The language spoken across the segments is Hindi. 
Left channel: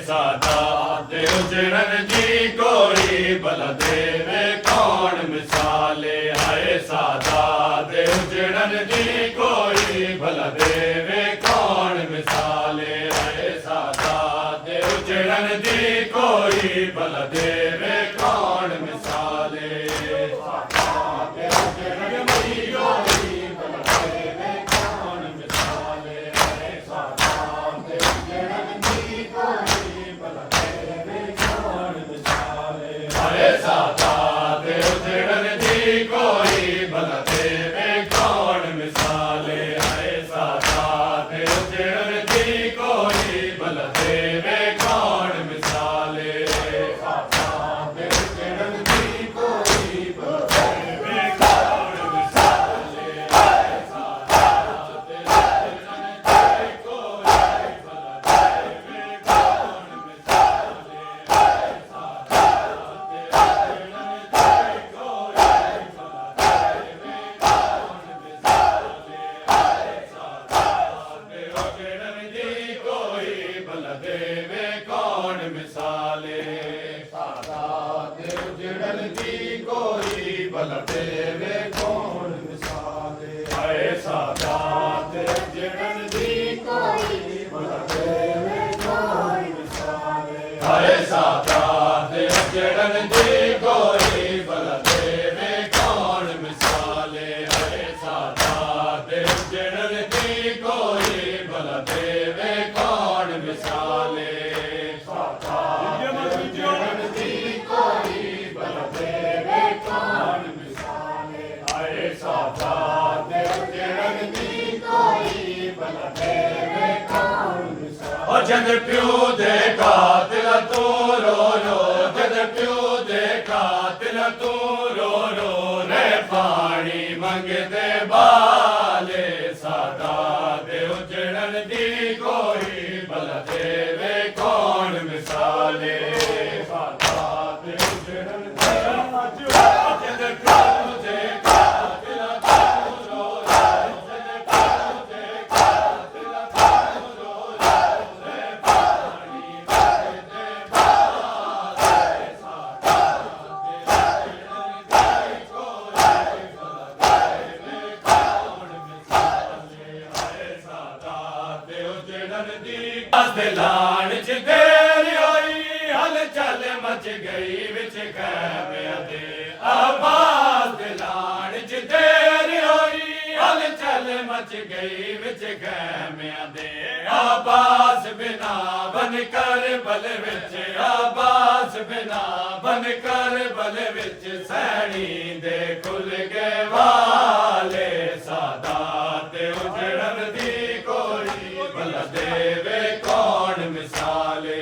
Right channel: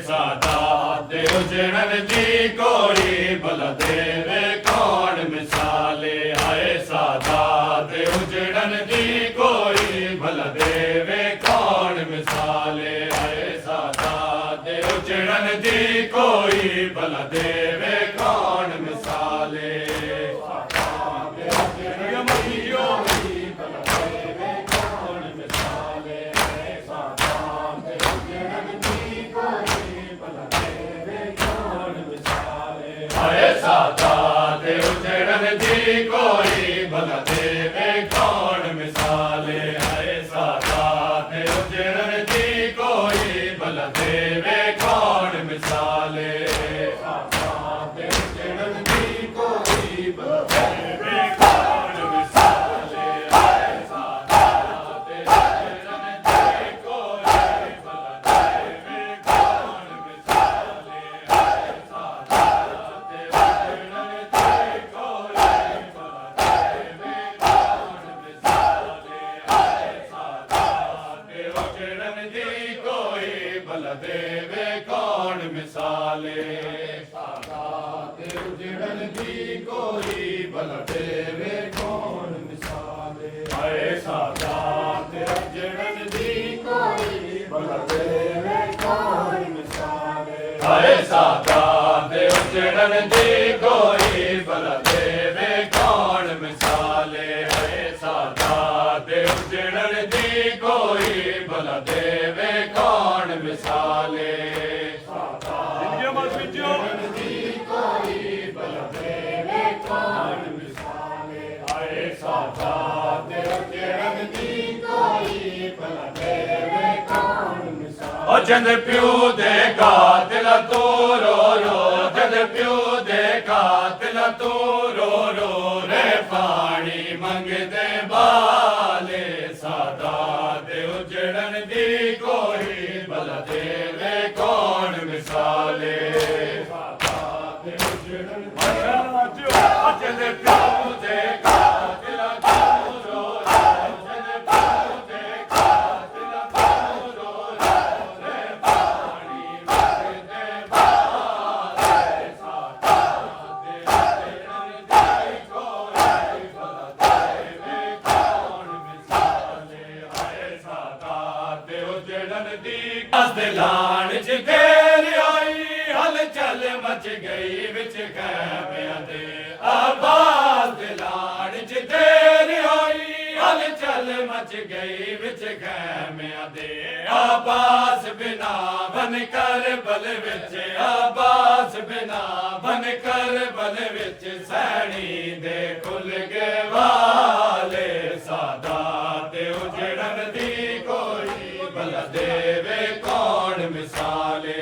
सादात उजड़न जी कोई भला देवे कौन मिसाले हाय सादात उजड़न जी कोई भला देवे कौन मिसाले हाय सादात उजड़न जी कोई भला देवे कौन मिसाले भला देवे कौन मिसाले हाय सादात उजड़न जी कोई भला देवे कौन मिसाले सादात उजड़न जी कोई भला देवे कौन मिसाले हाय सादात उजड़न जी कोई भला देवे कौन मिसाले हाय सादात उजड़न जी भला देवे कौन मिसाले सादात उजड़न जी कोई भला देवे कौन मिसाले हाय सादात उजड़न जी कोई भला देवे कौन मिसाले हाय सादात उजड़न जी कोई भला देवे कौन मिसाले हाय सादात उजड़न जी कोई भला देवे कौन मिसाले सादात उजड़न जी कोई भला देवे कौन मिसाले हाय सादात उजड़न जी कोई भला देवे कौन मिसाले ओ जद प्यू दे कातिल तू रो रो जद प्यू दे कातिल तू रो रो रे पानी मंगदे बाले सादात उजड़न जी कोई भला देवे कौन मिसाले सादात उजड़न जी जद प्यू दे कातिल तू रो रो जद प्यू दे कातिल तू रो रो रे पानी मंगदे बाले सादात उजड़न जी कोई भला देवे कौन मिसाले हाय सादात उजड़न जी दिलान च देर आई हल चल मच गई विच खैमियां दे आबाद दिलान च देर आई हल चल मच गई विच खैमियां दे आबास बिना बन कर बल विच आबास बिना बन कर बल विच सैनी दे खुल गए वाले सादात उजड़न जी कोई भला देवे कौन मिसाले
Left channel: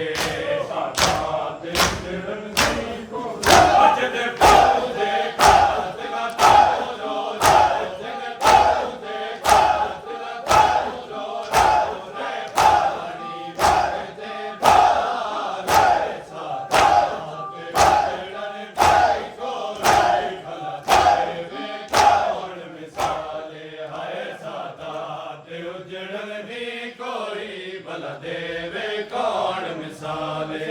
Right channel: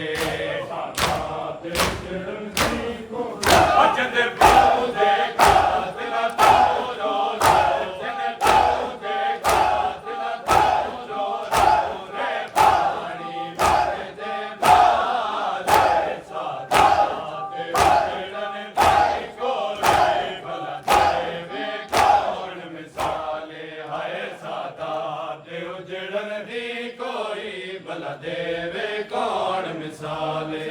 सादात उजड़न जी कोई जद प्यू दे कातिल तू रो रो जद प्यू दे कातिल तू रो रो रे पानी मंगदे बाले सादात उजड़न जी कोई भला देवे कौन मिसाले हाय सादात उजड़न जी कोई भला देवे कौन मिसाले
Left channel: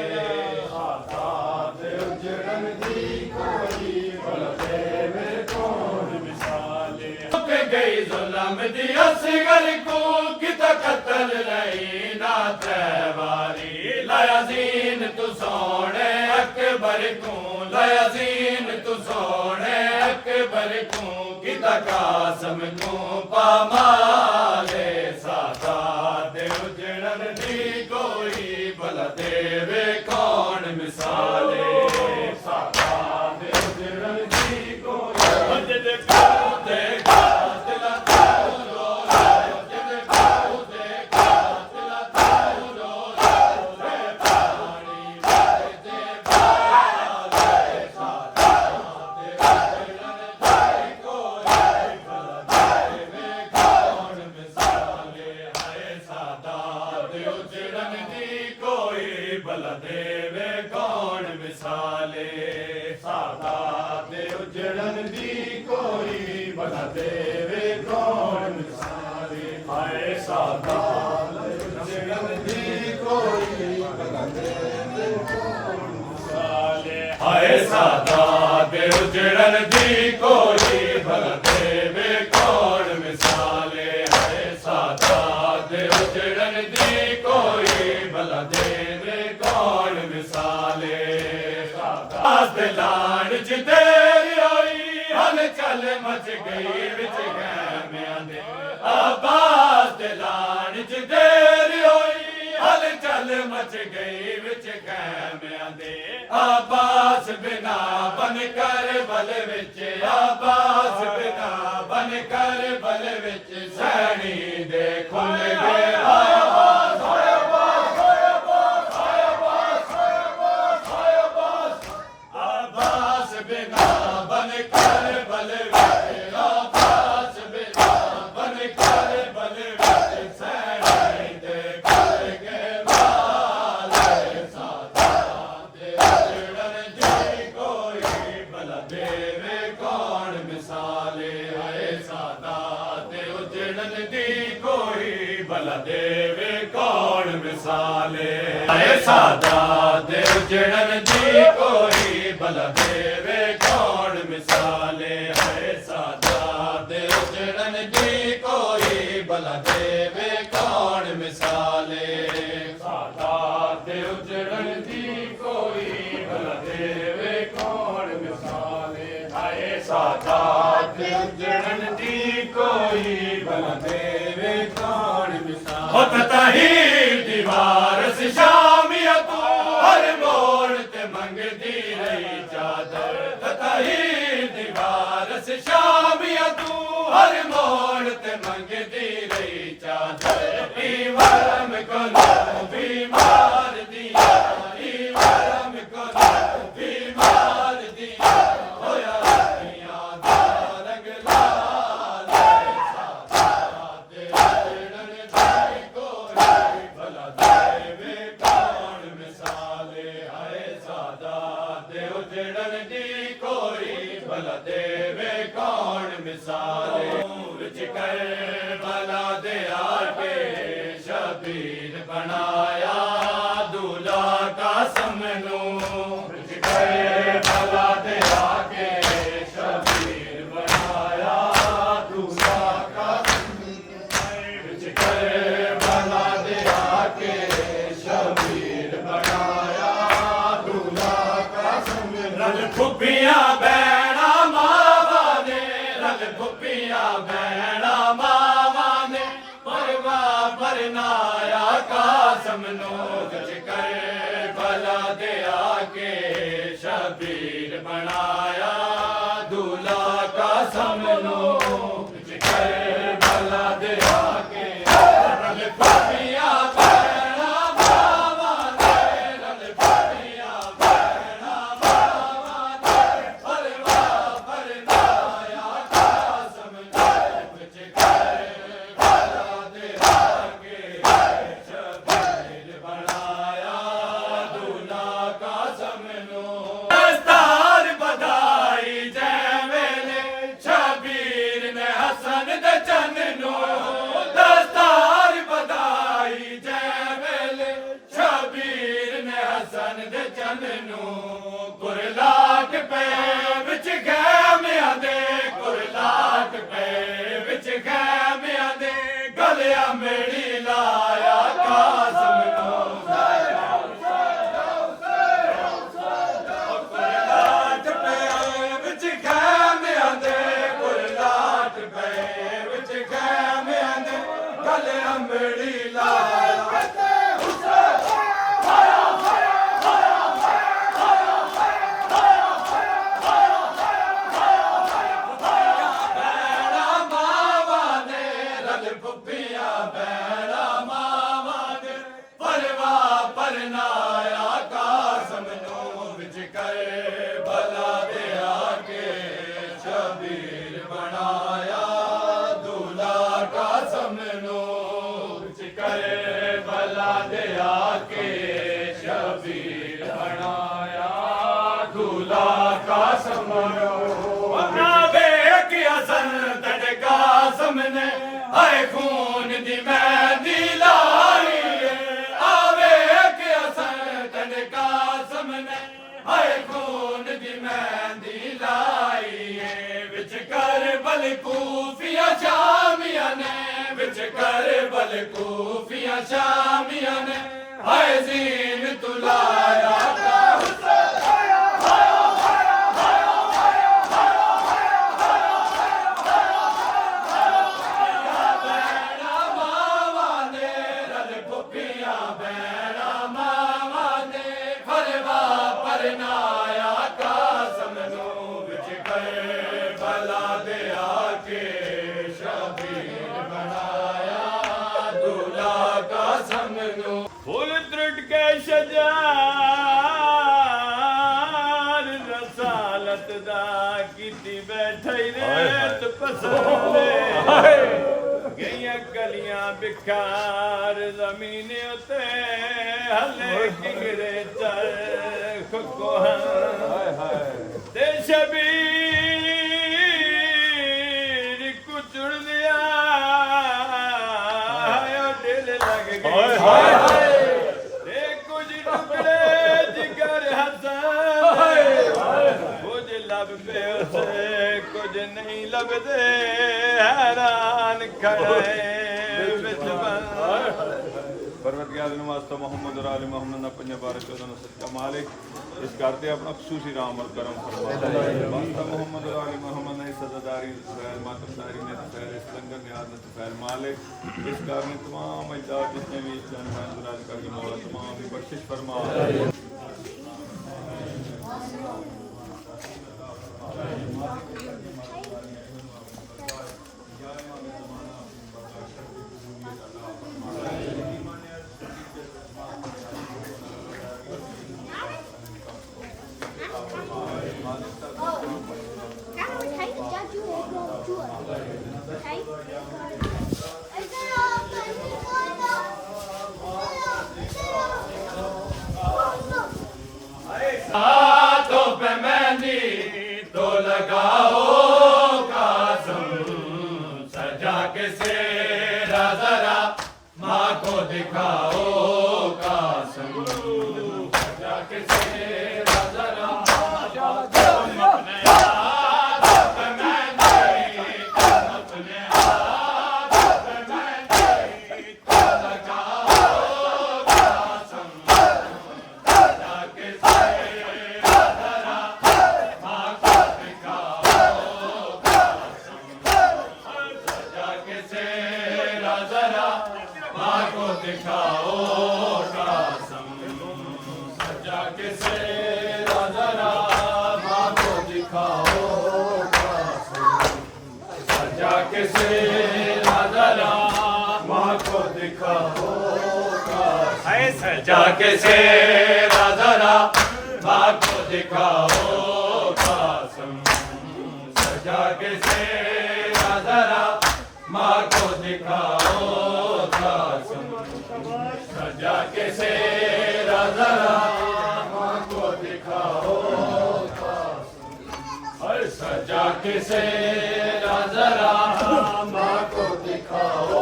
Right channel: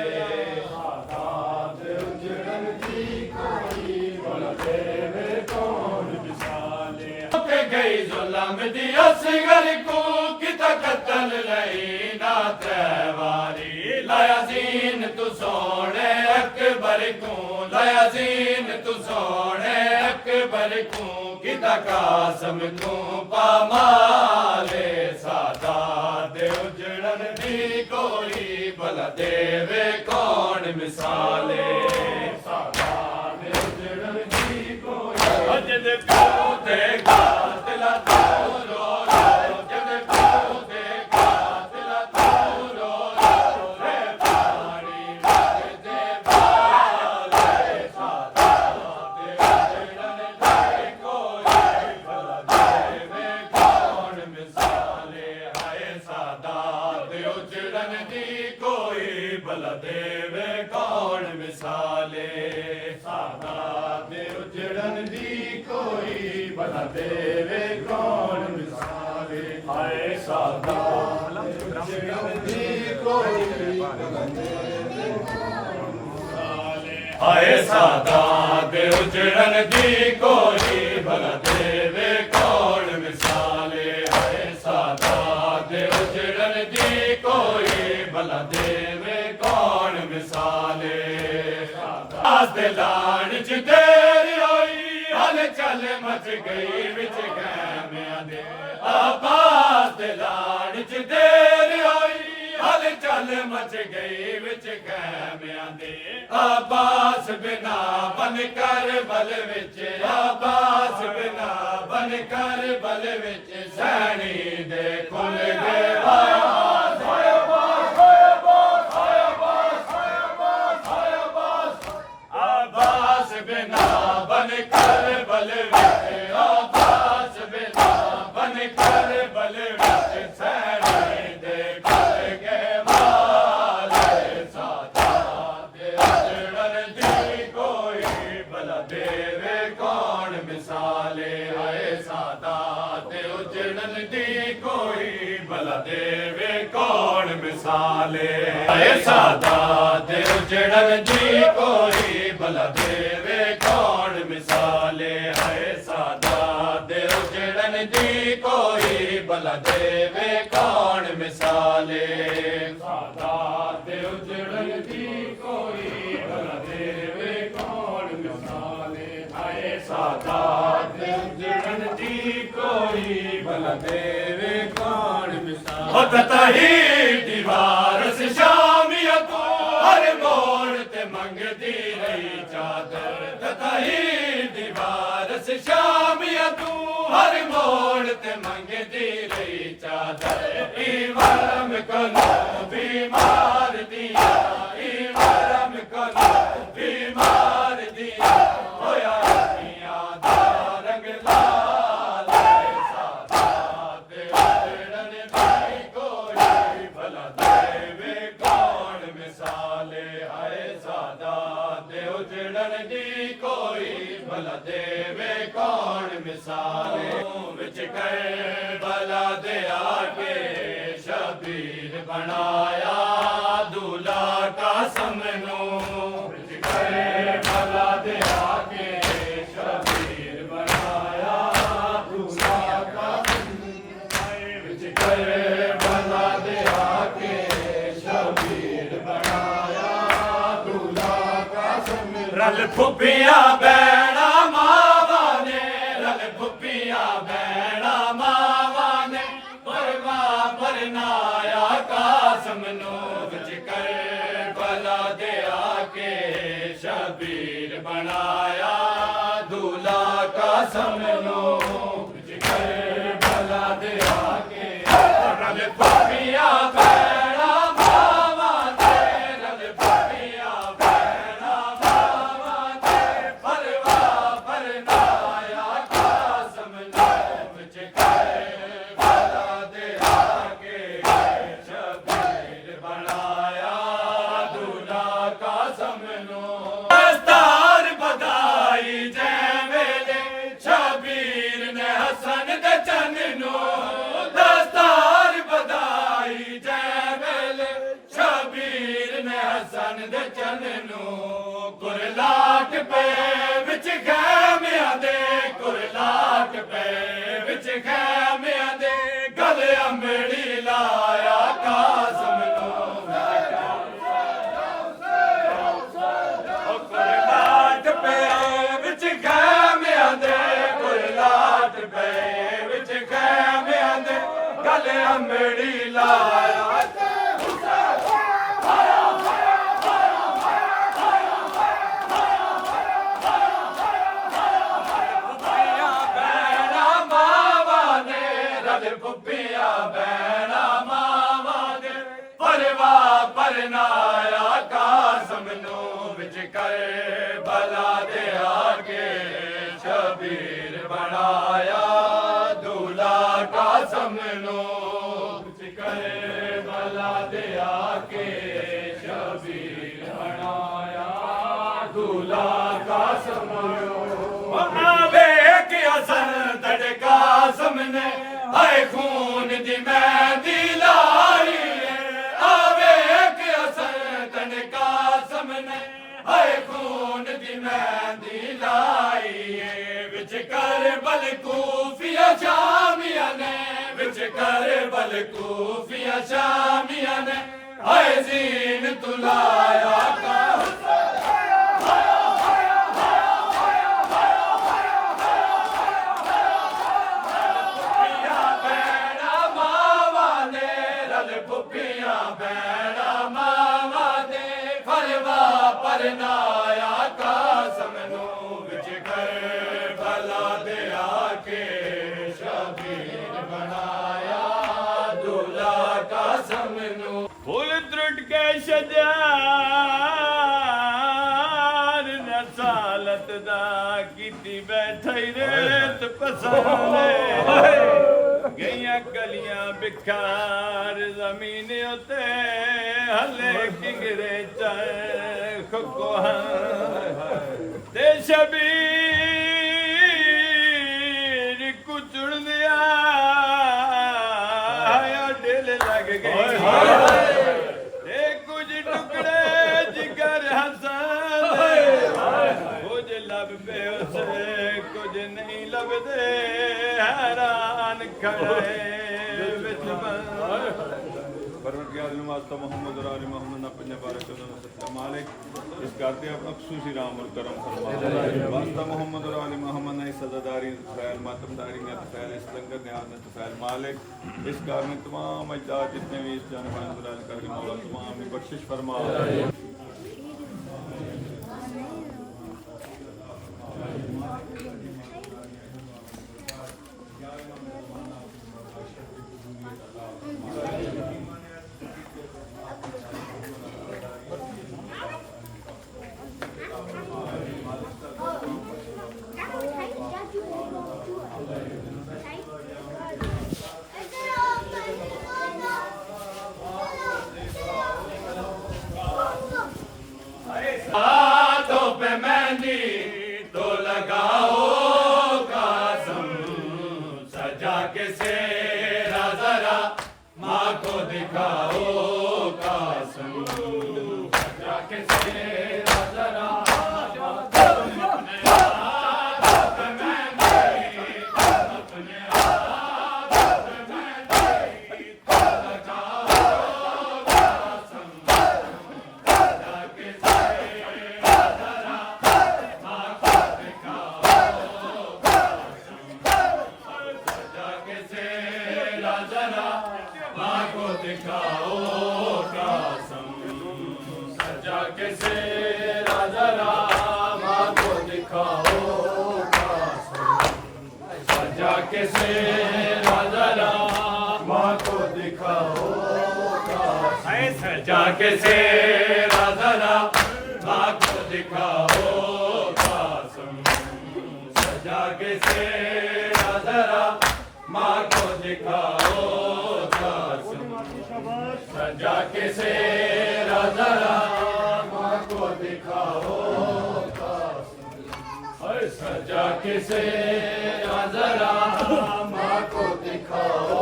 सादात उजड़न जी कोई भला देवे कौन मिसाले पे गई जुल्म दी असगर को कित कतल रही ना तैवारी लाया जीन तू सोने अकबर को लाया जीन तू सोने अकबर को कित कासम को पामाले सादात उजड़न जी कोई भला देवे कौन मिसाले सादात उजड़न जी कोई जद प्यू दे कातिल तू रो रो जद प्यू दे कातिल तू रो रो रे पानी मंगदे बाले सादात उजड़न जी कोई भला देवे कौन मिसाले हाय सादात उजड़न जी कोई भला देवे कौन मिसाले सादात उजड़न जी कोई भला देवे कौन मिसाले हाय सादात उजड़न जी कोई भला देवे ਹਾਏ ਸਾਦਾਤ ਦੇ ਉਜੜਨ ਦੀ ਕੋਈ ਭਲਾ ਦੇਵੇ ਕੌਣ ਮਿਸਾਲੇ ਹਾਏ ਸਾਦਾਤ ਦੇ ਉਜੜਨ ਦੀ ਕੋਈ ਭਲਾ ਦੇਵੇ ਕੌਣ ਮਿਸਾਲੇ ਸਾਦਾਤ ਦੇ ਲਾੜ ਚ ਤੇਰੀ ਹੋਈ ਹਲ ਚੱਲ ਮਚ ਗਈ ਵਿੱਚ ਖੈਮਿਆਂ ਦੇ ਆਬਾਸ ਦੇ ਲਾੜ ਚ ਤੇਰੀ ਹੋਈ ਹਲ ਚੱਲ ਮਚ ਗਈ ਵਿੱਚ ਖੈਮਿਆਂ ਦੇ ਆਬਾਸ ਬਿਨਾ ਬਨ ਕਰ ਬਲ ਵਿੱਚ ਆਬਾਸ ਬਿਨਾ ਬਨ ਕਰ ਬਲ ਵਿੱਚ ਸੈਣੀ ਦੇ ਖੁੱਲ ਗਏ ਆਬਾਸ ਆਬਾਸ ਬਿਨਾ ਬਨ ਕਰ ਬਲ ਵਿੱਚ ਆਬਾਸ ਬਿਨਾ ਬਨ ਕਰ ਬਲ ਵਿੱਚ ਸੈਣੀ ਦੇ ਖੁੱਲ ਗਏ ਵਾਲੇ ਸਾਦਾਤ ਦੇ ਉਜੜਨ ਦੀ ਕੋਈ ਭਲਾ ਦੇਵੇ ਕੌਣ ਮਿਸਾਲੇ ਹਾਏ ਸਾਦਾਤ ਦੇ ਉਜੜਨ ਦੀ ਕੋਈ ਭਲਾ ਦੇਵੇ ਕੌਣ ਮਿਸਾਲੇ ਹਾਏ ਸਾਦਾਤ ਦੇ ਉਜੜਨ ਦੀ ਕੋਈ ਭਲਾ ਦੇਵੇ ਕੌਣ ਮਿਸਾਲੇ ਹਾਏ ਸਾਦਾਤ ਦੇ ਉਜੜਨ ਦੀ ਕੋਈ ਭਲਾ ਦੇਵੇ ਕੌਣ ਮਿਸਾਲੇ ਸਾਦਾਤ ਦੇ ਉਜੜਨ ਦੀ ਕੋਈ ਭਲਾ ਦੇਵੇ ਕੌਣ ਮਿਸਾਲੇ ਹਾਏ ਸਾਦਾਤ ਦੇ ਉਜੜਨ ਦੀ ਕੋਈ ਭਲਾ ਦੇਵੇ ਕੌਣ ਮਿਸਾਲੇ ਹੋ ਤਤਾਹੀ ਦੀਵਾਰ ਸੇ ਸ਼ਾਮੀਆਂ ਤੋਂ ਹਰ ਮੋੜ ਤੇ ਮੰਗਦੀ ਰਹੀ ਚਾਦਰ ਤਤਾਹੀ ਦੀਵਾਰ ਸੇ ਸ਼ਾਮੀਆਂ ਤੂੰ ਹਰ ਮੋੜ ਤੇ ਮੰਗਦੀ ਰਹੀ ਚਾਦਰ ਈਵਰਮ ਕੋਲੋਂ ਬਿਮਾਰ ਦੀਆਂ ਈਵਰਮ ਕੋਲੋਂ ਬਿਮਾਰ ਦੀਆਂ ਹੋਇਆ ਰੱਖੀਆਂ ਦਾ ਰੰਗ ਲਾਲ ਸਾਦਾਤ ਦੇ ਉਜੜਨ ਦੀ ਕੋਈ ਭਲਾ ਦੇਵੇ ਕੌਣ ਮਿਸਾਲੇ ਹਾਏ ਸਾਦਾਤ ਦੇ ਉਜੜਨ ਦੀ ਕੋਈ ਭਲਾ ਦੇਵੇ ਕੌਣ ਮਿਸਾਲੇ ਵਿੱਚ ਕਰਬਲਾ ਦੇ ਆ ਕੇ ਸ਼ਬੀਰ ਬਣਾਇਆ ਦੁਲਾ ਕਾਸਮ ਨੂੰ ਵਿੱਚ ਕਰਬਲਾ ਦੇ ਆ ਕੇ ਸ਼ਬੀਰ ਬਣਾਇਆ ਦੁਲਾ ਕਾਸਮ ਨੂੰ ਵਿੱਚ ਕਰਬਲਾ ਦੇ ਆ ਕੇ ਸ਼ਬੀਰ ਬਣਾਇਆ ਦੁਲਾ ਕਾਸਮ ਰਲ ਫੁੱਫੀਆਂ ਬੈਣਾ ਮਾਵਾਂ ਨੇ ਰਲ ਫੁੱਫੀਆਂ ਬੈਣਾ ਮਾਵਾਂ ਨੇ ਪਰਵਾ ਪਰਨਾਇਆ ਕਾਸਮ ਨੂੰ ਵਿੱਚ ਕਰਬਲਾ ਦੇ ਆ ਕੇ ਸ਼ਬੀਰ ਬਣਾਇਆ ਦੁਲਾ ਕਾਸਮ ਨੂੰ ਵਿੱਚ ਕਰਬਲਾ ਦੇ ਆ ਕੇ ਰਲ ਫੁੱਫੀਆਂ ਬੈਣਾ ਮਾਵਾਂ ਨੇ ਰਲ ਫੁੱਫੀਆਂ ਬੈਣਾ ਮਾਵਾਂ ਨੇ ਪਰਵਾ ਪਰਨਾਇਆ ਕਾਸਮ ਨੂੰ ਵਿੱਚ ਕਰਬਲਾ ਦੇ ਆ ਕੇ ਸ਼ਬੀਰ ਬਣਾਇਆ ਦੁਲਾ ਕਾਸਮ ਨੂੰ ਦਸਤਾਰ ਬਧਾਈ ਜੈ ਵੇਲੇ ਸ਼ਬੀਰ ਨੇ ਹਸਨ ਦੇ ਚੰਨ ਨੂੰ ਦਸਤਾਰ ਬਧਾਈ ਜੈ ਵੇਲੇ ਸ਼ਬੀਰ ਨੇ ਹਸਨ ਦੇ ਚੰਨ ਨੂੰ ਕੁਰਲਾਟ ਪਏ ਵਿੱਚ ਖੈਮਿਆਂ ਦੇ ਕੁਰਲਾਟ ਪਏ ਵਿੱਚ ਖੈਮਿਆਂ ਦੇ ਗਲ ਅੰਬੜੀ ਲਾਇਆ ਕਾਸਮ ਨੂੰ ਕੁਰਲਾਟ ਪਏ ਵਿੱਚ ਖੈਮਿਆਂ ਦੇ ਕੁਰਲਾਟ ਪਏ ਵਿੱਚ ਖੈਮਿਆਂ ਦੇ ਗਲ ਅੰਬੜੀ ਲਾਇਆ ਬੈਣਾ ਮਾਵਾਂ ਨੇ ਰਲ ਫੁੱਫੀਆਂ ਬੈਣਾ ਮਾਵਾਂ ਨੇ ਪਰਵਾ ਪਰਨਾਇਆ ਕਾਸਮ ਨੂੰ ਵਿੱਚ ਕਰਬਲਾ ਦੇ ਆ ਕੇ ਸ਼ਬੀਰ ਬਣਾਇਆ ਦੁਲਾ ਕਾਸਮ ਨੂੰ ਵਿੱਚ ਕਰਬਲਾ ਦੇ ਆ ਕੇ ਸ਼ਬੀਰ ਬਣਾਇਆ ਦੁਲਾ ਕਾਸਮ ਨੂੰ ਵੇਖ ਹਸਨ ਤੜ ਕਾਸਮ ਨੇ ਹਾਏ ਖੂਨ ਦੀ ਮਹਿੰਦੀ ਲਾਈ ਏ ਆ ਵੇਖ ਹਸਨ ਤੜ ਕਾਸਮ ਨੇ ਹਾਏ ਖੂਨ मेहंदी लाइए विच कर बल कूफिया शामिया ने विच कर बल कूफिया शामिया ने हाय जीन तुलाया का नाया कासम नू विच कर भला दे आके शबीर बनाया दूल्हा कासम नू फूल त्रुट के शजार रसालत दा कीती बैठई रेत पसंदे गईयां कलियां बिखार जमीन उते हले किंगरे चरख ते शबीर कुचुड़ दिया दिल लग गई ते कुछ टुकड़े जिगर हसन कुछ लभते उसे कुछ नहीं लभते हैरान खड़े मोहम्मद और आले मोहम्मद अपने बारे मालिक इस करते अपना खुसूसी राम और करम फरमा वास्ता मोहम्मद और आले मोहम्मद ने सजादारी फैल मातमदारी ने फैल इस लंगर ने आदत फैल मालिक इस कारण तमाम अजदाद जितने भी इस जानबान दुलाल करके मौला तमाम की बख्शिश फरमा हाथों पे मेहंदी तो लगाओ कासम सजा के सेरा जरा माँ को दिखाओ कासम सजा के सेरा जरा दिखाओ कासम सजा के सेरा जरा माँ को दिखाओ कासम सजा के सेरा जरा माँ को दिखाओ कासम सजा के सेरा जरा माँ को दिखाओ कासम सजा के सेरा जरा माँ को दिखाओ कासम सजा के सेरा जरा माँ को दिखाओ कासम सजा के सेरा जरा माँ को दिखाओ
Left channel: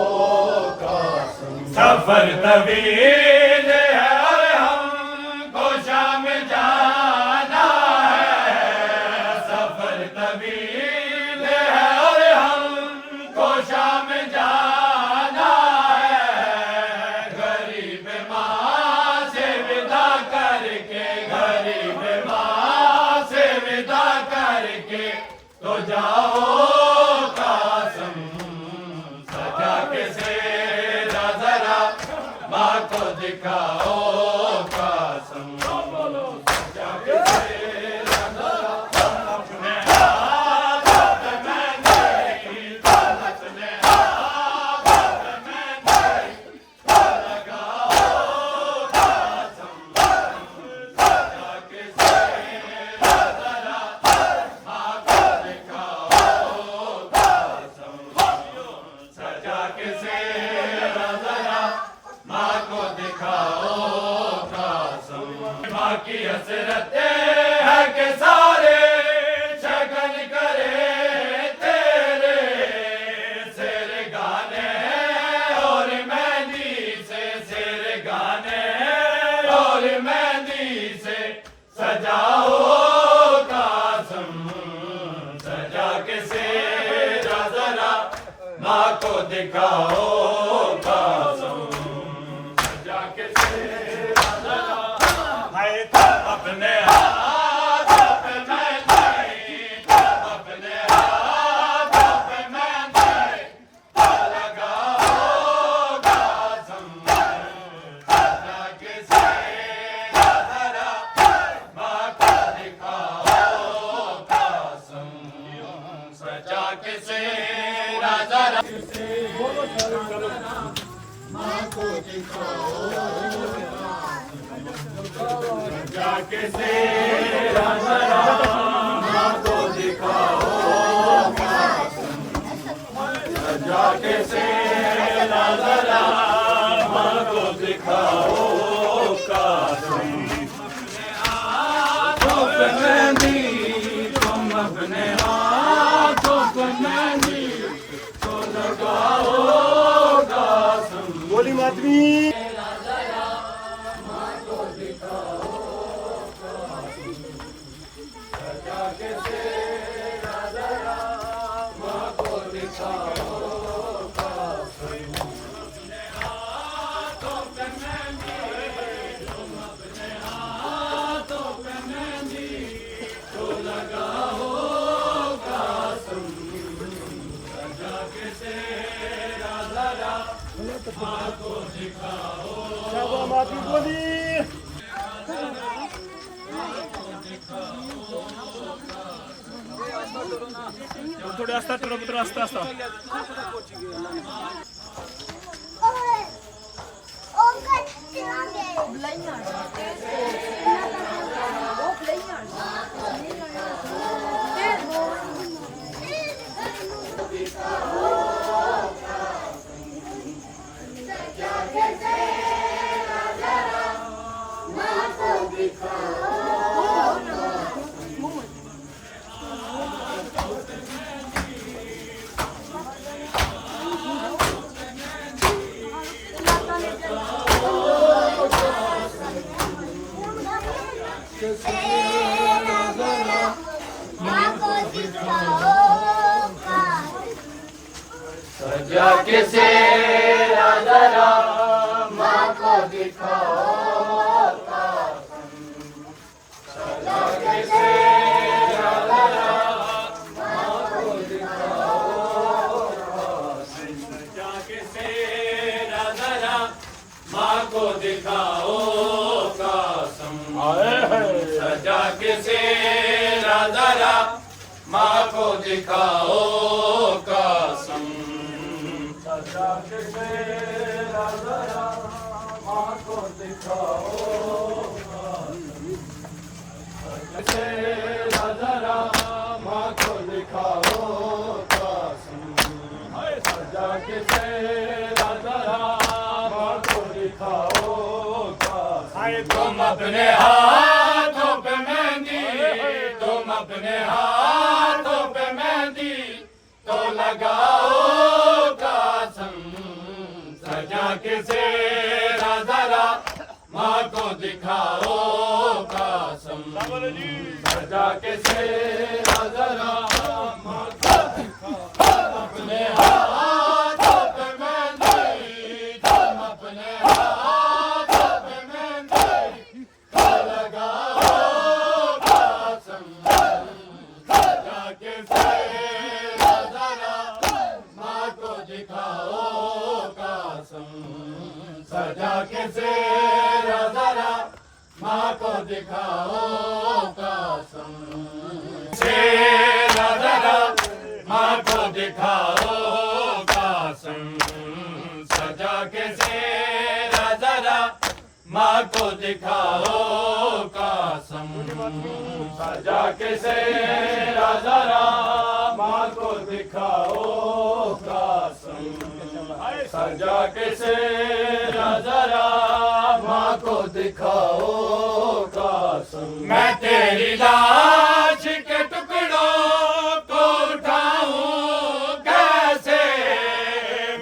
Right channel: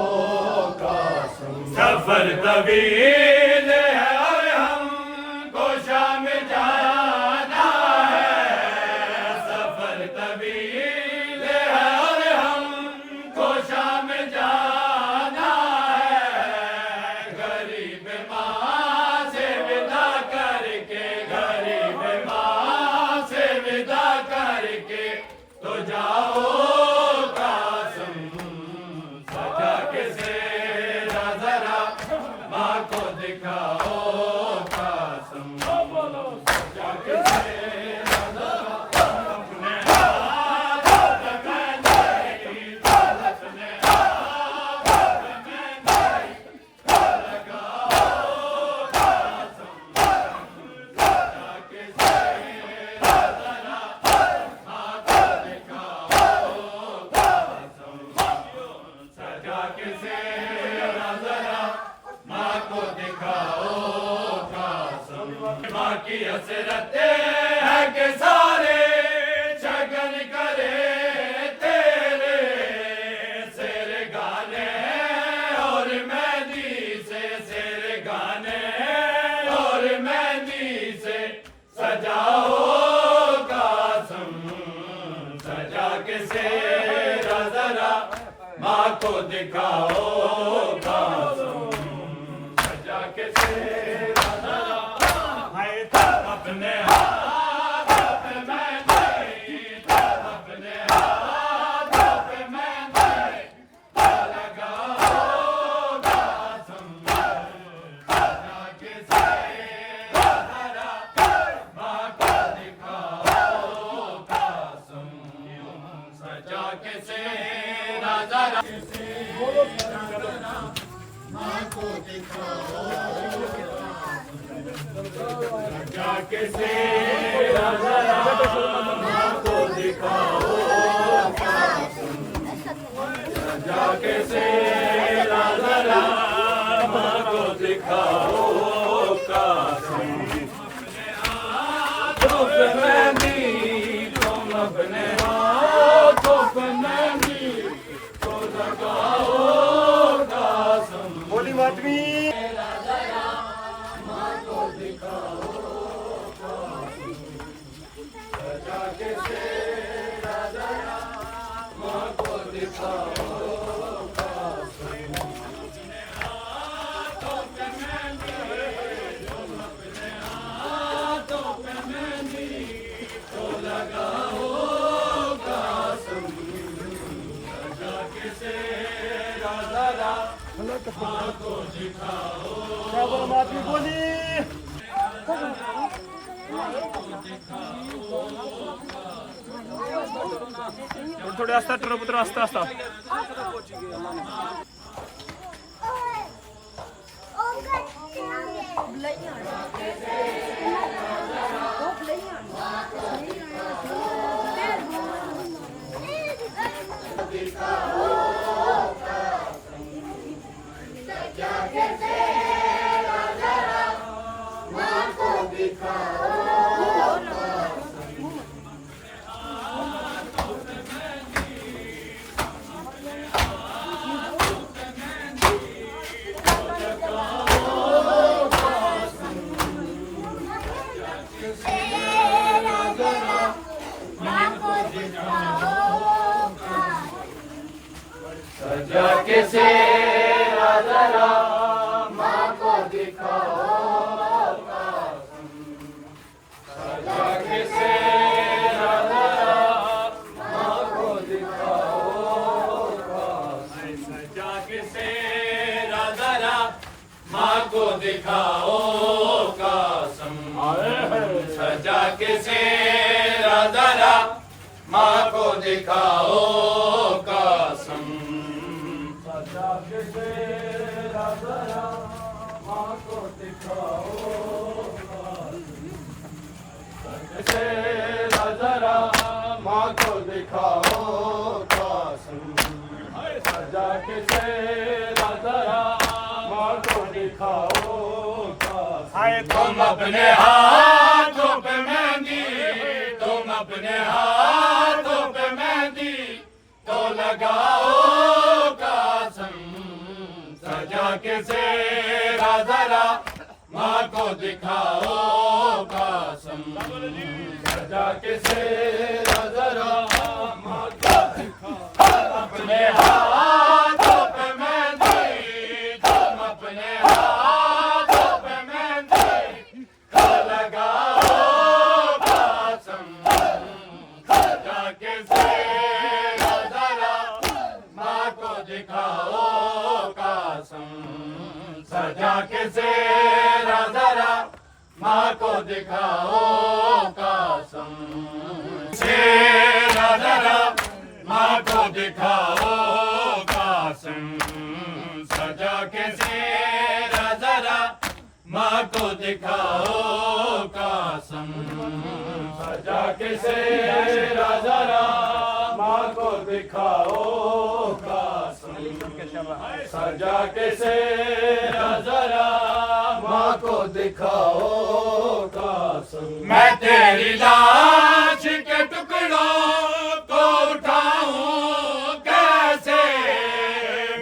कासम सफर तवील है और हमको शाम जाना है सफर तवील है और हमको शाम जाना है गरीब माँ से विदा करके गरीब माँ से विदा करके तो जाओ कासम सजा के सेरा जरा माँ को दिखाओ कासम सजा के सेरा जरा अपने हाथ में नहीं अपने हाथ में नहीं लगाओ कासम सजा के सेरा जरा माँ को दिखाओ कासम सजा के सेरा जरा माँ को दिखाओ कासम माँ की हसरतें है के सारे शगन करे तेरे शेर गाने और मेहंदी से शेर गाने और मेहंदी से सजाओ का दिखाओ कासम सजा के सेरा जरा है अपने हाथों पे मेहंदी अपने हाथों पे मेहंदी लगाओ कासम सजा के सेरा जरा माँ को दिखाओ कासम सजा के सेरा जरा माँ को दिखाओ सजा के सेरा जरा माँ को दिखाओ सजा के सेरा जरा माँ को दिखाओ कासम अपने हाथों पे मेहंदी तुम अपने हाथों पे मेहंदी तो लगाओ कासम बोली मातमी माँ को दिखाओ सजा के सेरा जरा माँ को दिखाओ कासम अपने हाथों पे मेहंदी तुम अपने हाथों पे मेहंदी तो लगाओ कासम सजा के सेरा जरा माँ को दिखाओ शाबाश मातमी बोली थोडे असतात पुत्र असता असता सजा के सेरा जरा माँ को दिखाओ सजा के सेरा जरा माँ को दिखाओ सजा के सेरा जरा माँ को दिखाओ कासम सजा के सेरा जरा माँ को दिखाओ कासम सजा के सेरा जरा माँ को दिखाओ सेरा जरा माँ को दिखाओ कासम सजा के सेरा जरा माँ को दिखाओ कासम तुम अपने हाथों पे मेहंदी तुम अपने हाथों पे मेहंदी तो लगाओ कासम सजा के सेरा जरा माँ को दिखाओ कासम सजा के सेरा जरा माँ को दिखाओ अपने हाथों पे मेहंदी तुम अपने हाथों पे मेहंदी तो लगाओ कासम सजा के सेरा जरा माँ को दिखाओ कासम सजा के सेरा जरा माँ को दिखाओ कासम सेरा जरा माँ को दिखाओ कासम सजा के सेरा जरा माँ को दिखाओ कासम सजा के सेरा जरा माँ को दिखाओ कासम सजा के सेरा जरा माँ को दिखाओ कासम मैं तेरी लाश के टुकड़ों को उठाऊं कैसे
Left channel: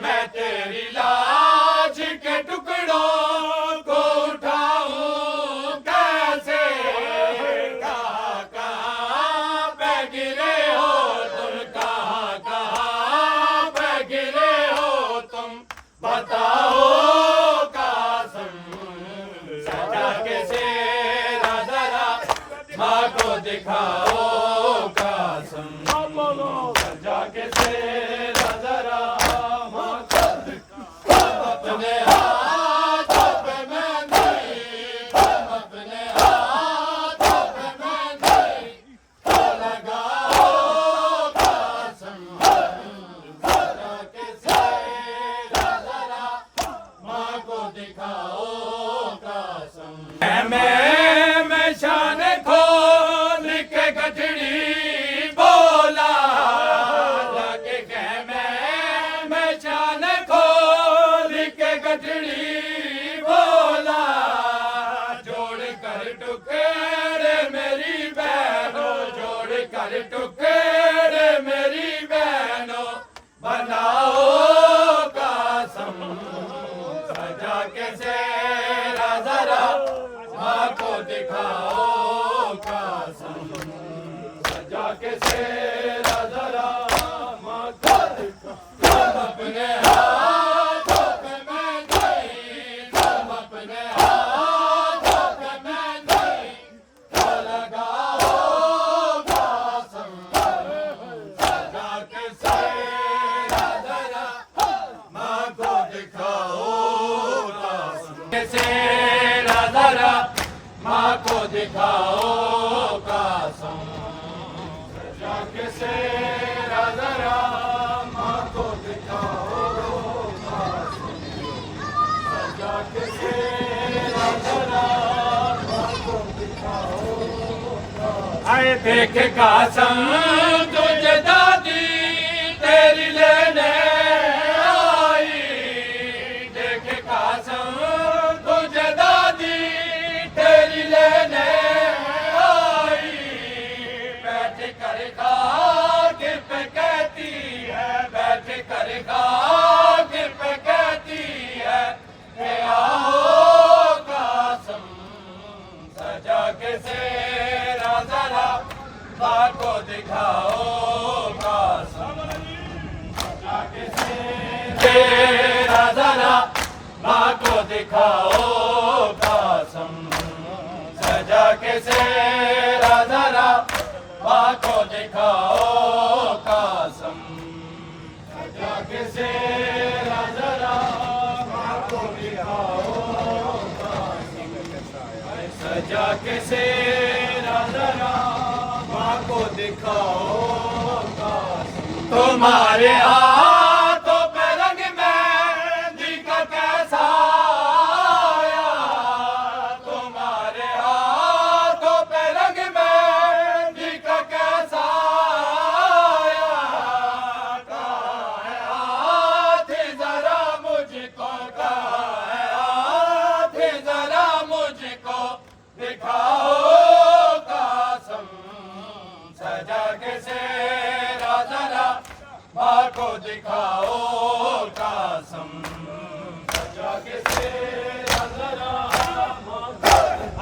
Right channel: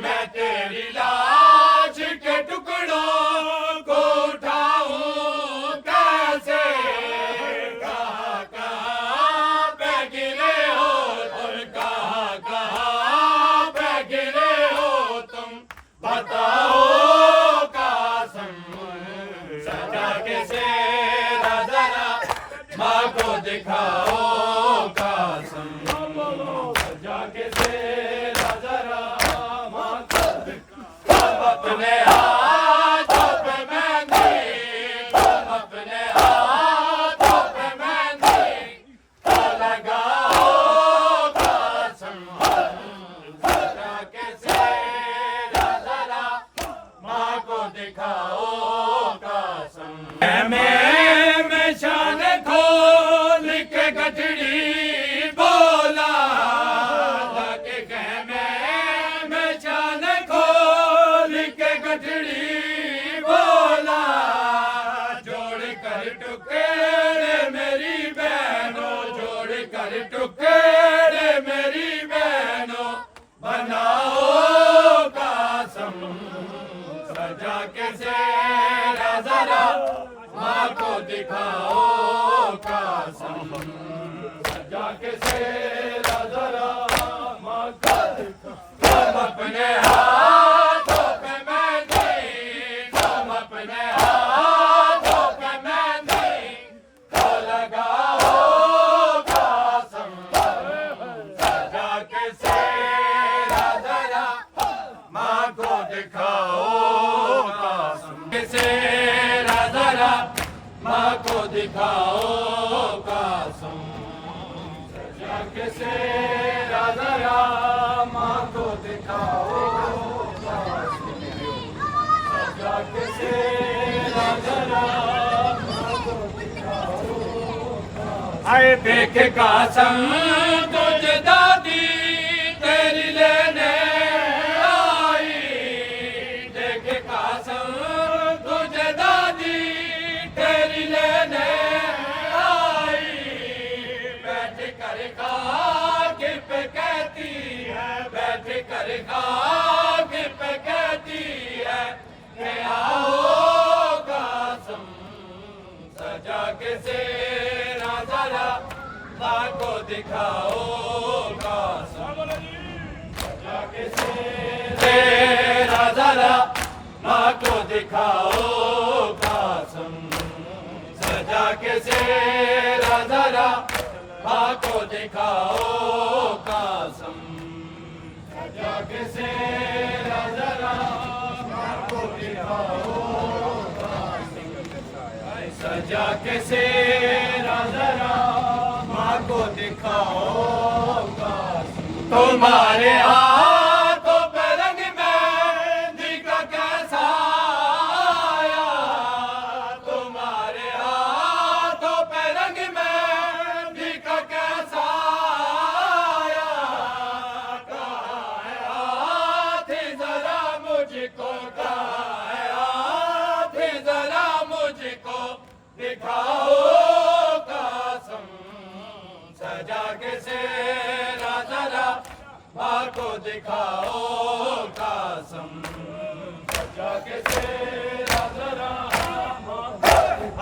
मैं तेरी लाश के टुकड़ों को उठाऊं कैसे कहाँ कहाँ पे गिरे हो तुम कहाँ कहाँ पे गिरे हो के सेरा जरा माँ को दिखाओ कासम सजा के सेरा जरा माँ को अपने हाथों पे मेहंदी अपने हाथों पे मेहंदी लगाओ कासम सजा के सेरा जरा माँ को दिखाओ कासम मैं शान खोल के गठड़ी बोला लगे कह मैं शान खोल के गठड़ी बोला जोड़ कर टुकड़े मेरी बहनों जोड़ कर टुकड़े मेरी बहनों बनाओ कासम सजा के सेरा जरा माँ को दिखाओ कासम सजा के सेरा जरा माँ को दिखाओ अपने हाथों पे मेहंदी तुम अपने हाथों पे मेहंदी लगाओ कासम सजा के सेरा जरा माँ को दिखाओ कासम के सेरा जरा माँ को दिखाओ कासम सजा के सेरा जरा माँ को दिखाओ कासम सजा के सेरा जरा माँ को दिखाओ कासम आए देख कासम तुझे दादी तेरी लेने आई देख कासम तुझे दादी तेरी लेने आई बैठ कर खाक पे कहती है बैठ कर खाक पे कहती है कि आओ कासम सजा के सेरा जरा माँ को दिखाओ कासम सजा के सेरा जरा माँ को दिखाओ कासम सजा के सेरा जरा माँ को दिखाओ कासम सजा के सेरा जरा माँ को दिखाओ कासम सजा के सेरा जरा माँ को दिखाओ कासम तुम्हारे हाथों पे रंग मेहंदी का कैसा आया तुम्हारे हाथों पे रंग मेहंदी का कैसा आया कहाँ है हाथ जरा मुझको कहाँ है हाथ जरा मुझको दिखाओ कासम सजा के सेरा जरा माँ को दिखाओ कासम सजा के सेरा जरा माँ को दिखाओ।